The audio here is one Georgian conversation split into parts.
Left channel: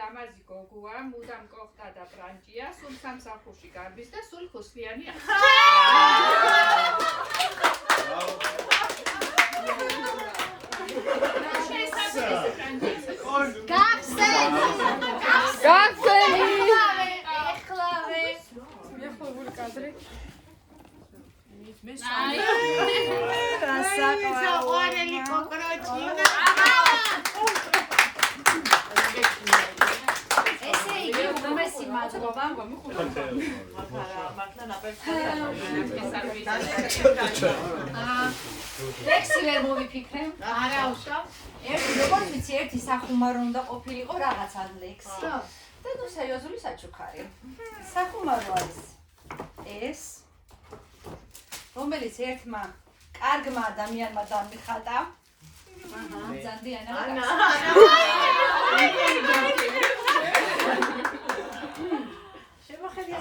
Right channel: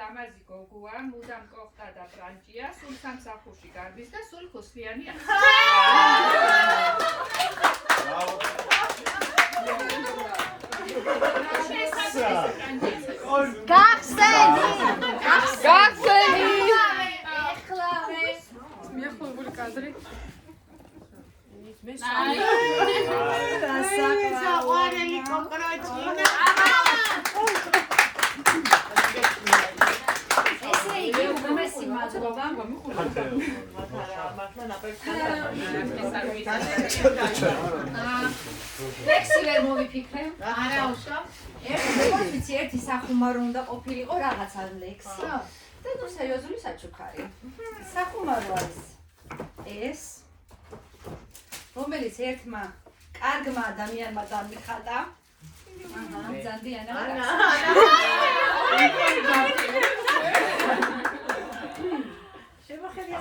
ლამაზი გოგოა, მუდამ კოხტა და ბრანჭია, სულ სამსახურში გარბის და სულ ხოსლიანია. ლექსი ვერ მოვიფიქრე. არა უშავ. როგორც ვიცი, ერთი სახუმარო უნდა ყოფილიყო რაღაცა ლექსი. და ნუ სერიოზული საჩუქარი. სახუმარო არის ეს, რომელიც ერთმა კარგმა ადამიანმა დამიხატა. მზადიანა. შემოხედი.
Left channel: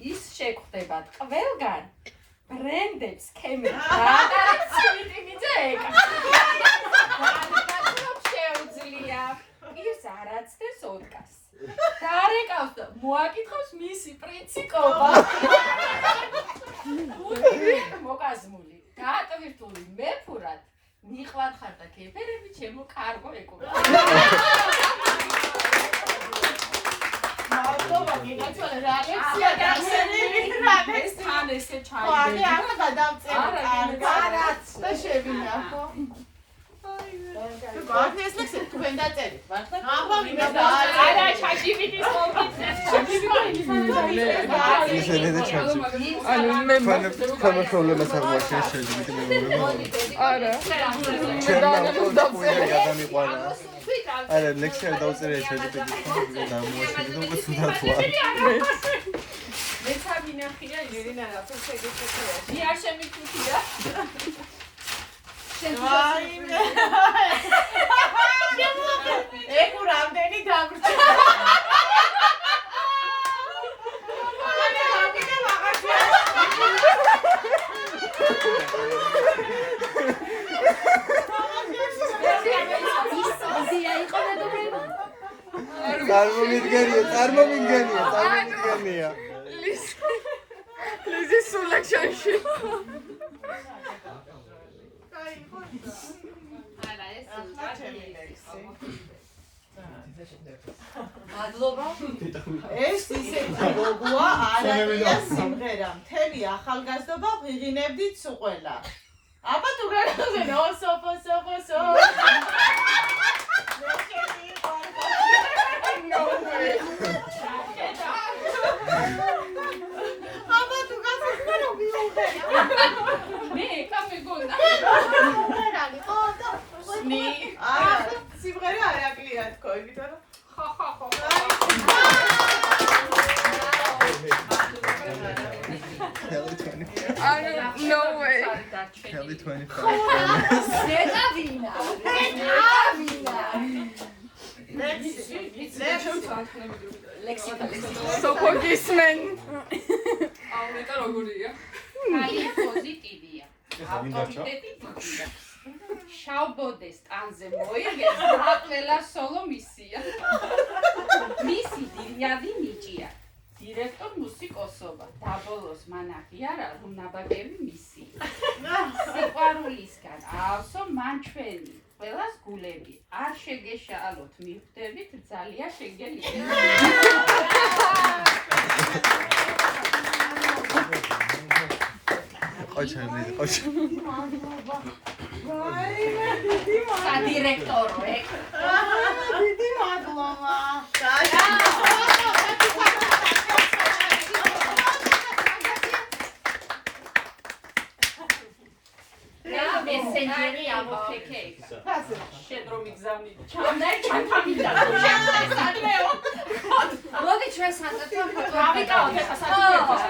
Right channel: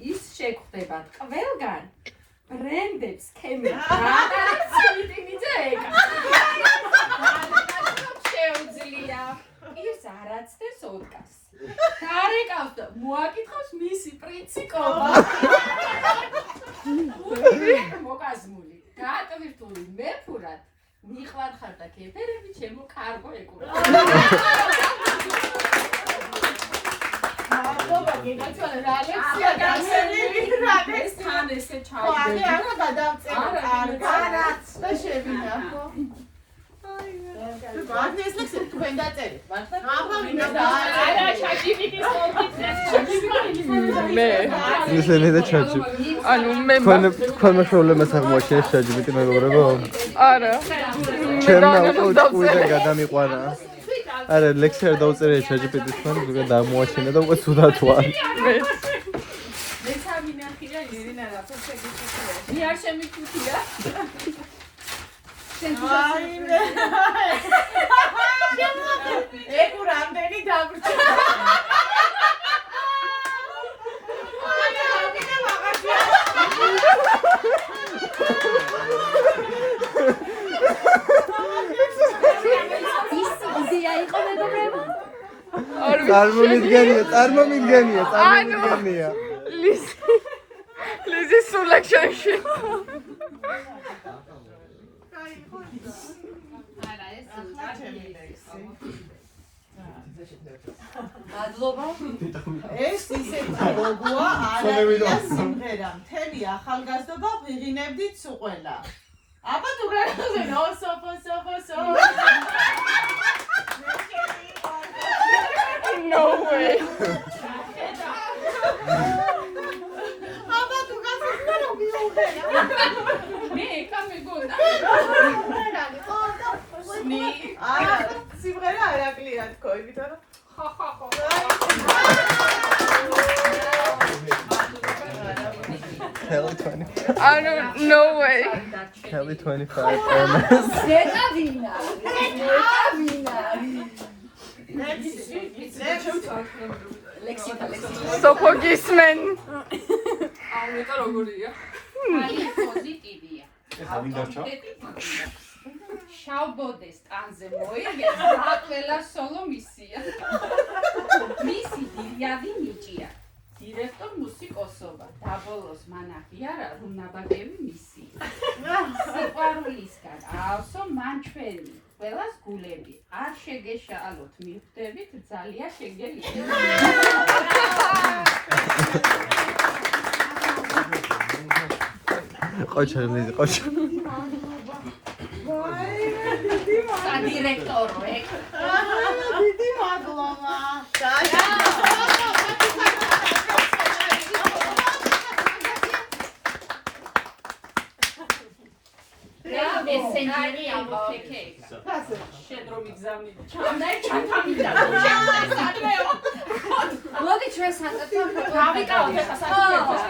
ის შეგხვდებათ ყველგან ბრენდებს ქემებს გადაიც მიტინიძე ეკა შეუძლია ის არაცდებს ოდკას დარეკავს და მოაკითხავს მისი პრინციპობა მოკაზმული გაატვირთული მეფურად მიყვარ ხარ და ქეფერები ჩემო კარგო ეკურა მადლობა გიგაცვალე რა ლექსია გასწავლილი რა ეს თან ესე ხო ჩავდები არა გადავწერე კარგად და შევინა ხო ვარდი ეს ლექსი თქვენ დაწერით მართლა აბა არა ChatGPT-ს მე ისინი და ჩაჭი ანუ მე თქვენ პრობლემას აღმოაჩენს ChatGPT მეგობრებო არა ჩემ და გადამიყვარა არა ლექსია დაუწერე ChatGPT-ს თქვენ დამოაჩენა და უკვე თუდად ვარ მე სამინახია ირინა რა პროფესია მე არ შემიფუთია ვაიმე ეკუ რამდენი დაბრჩება ანა რამდენი ვაღაშია წარმომიდგენია ლიზის სულაკშანში არა ეს მადლობა ეს ისეთი გოგოა არაა სიმღერა მთელი ახალგაზრდობა ვიღინებდით სულ ყველა აბა თუ გაგაზენ ოსო no way აბა თუ გაგაზენ რა მიუღერა მე კამეგონა ნი არა სიმღერა არაკლია თქო იმიტომ რომ ხო ანუ no way Kelly 25 ზეტავინა ლექსიკა სოფოგისმენ აუნეტა როგორია ძალიან პოზიტივია ავტორიტეტი დიდია შავბოდეს ტანზე მოიგებს და ყველა სოლო მისია მისი დილიადი ნიჭია დირექტორ მუსიკოსობა დაბოლოს მან აღიარა რომ ნაბაგები მისია სიყვარულისგან ავსო მან ჩვენი ყველას გულები არ შეგეშალოთ მივხვდებით ძალიან შეგელია ყოჩა სადირექტორო ეგ დიდი მადლობა მესენჯერი ამოფიქეი შედრო მიგზავნი ჩამნაი ჩათამიდა შეგდე სადმეო მოდი ჩვენ საწეთო გავიკავოთ ეხა საერთოდ